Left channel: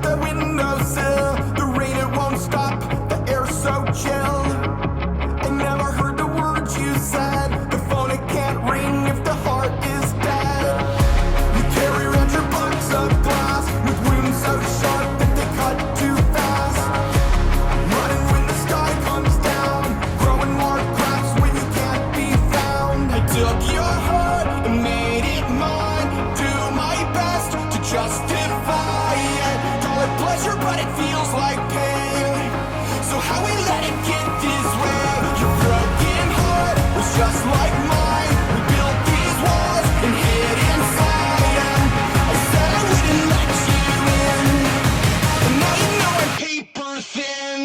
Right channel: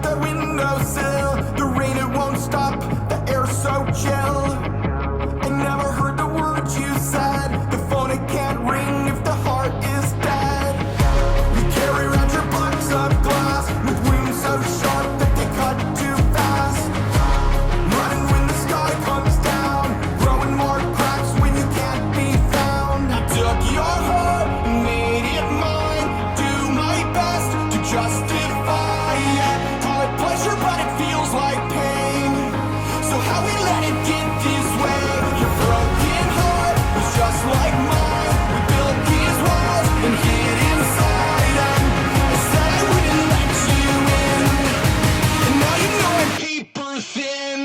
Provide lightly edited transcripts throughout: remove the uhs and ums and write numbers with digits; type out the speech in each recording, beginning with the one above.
at the windowsill. The rain, it won't stop, the air's so chill. I never heard the words you said. The phone, it can't ring if the heart is dead. You carry around your box of glass with wounds so sharp that they cut too fast. Running when the sky comes down, growing more cracks when you can't be found. Took your heart and made it mine. Do my best to justify it. Call it pleasure, but it feels like pain. So how do I get this way? Broken heart was just like mine. We built these walls and hid inside. I said I would never let you in, and now you know I'm paper thin.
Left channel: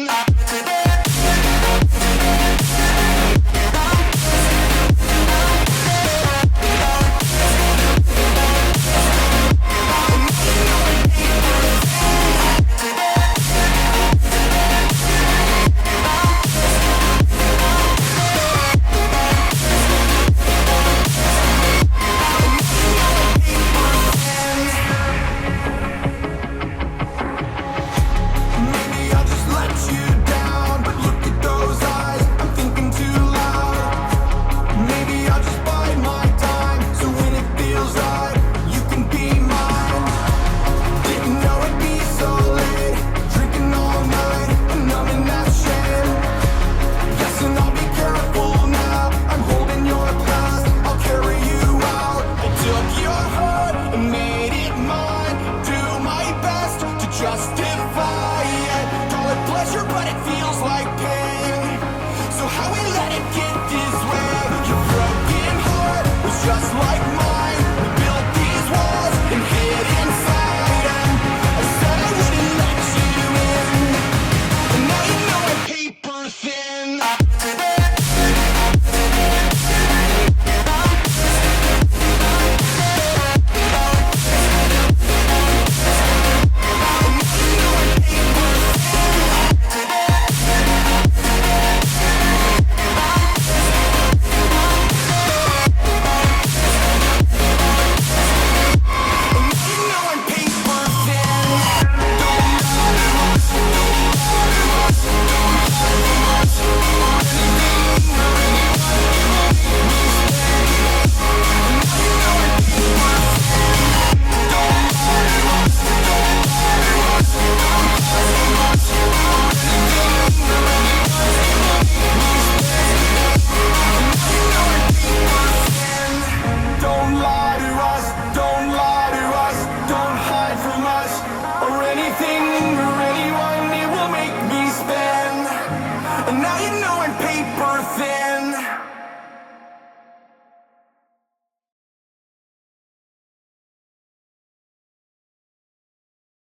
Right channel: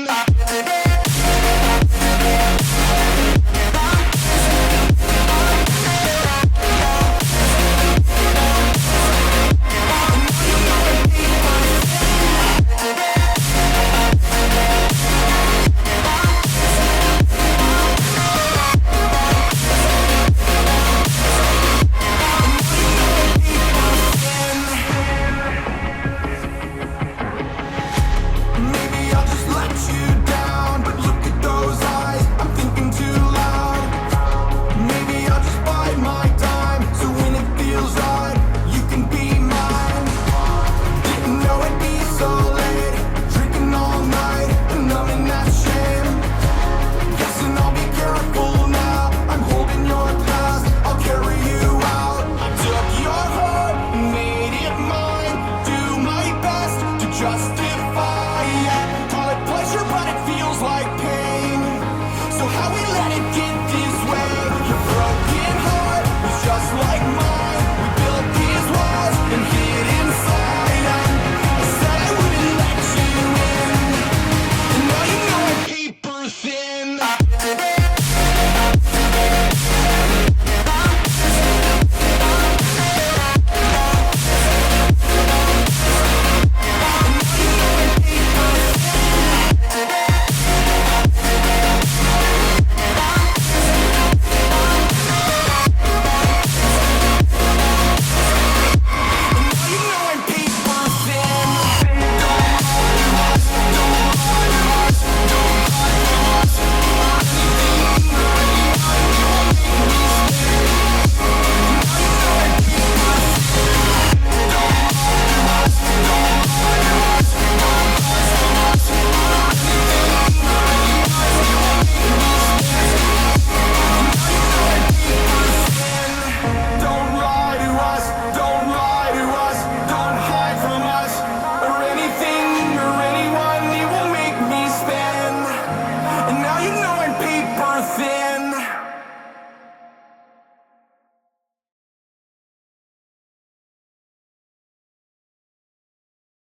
Maybe I'll just let you down, but look at those eyes, I'm thinking too loud. Maybe I'll just bide my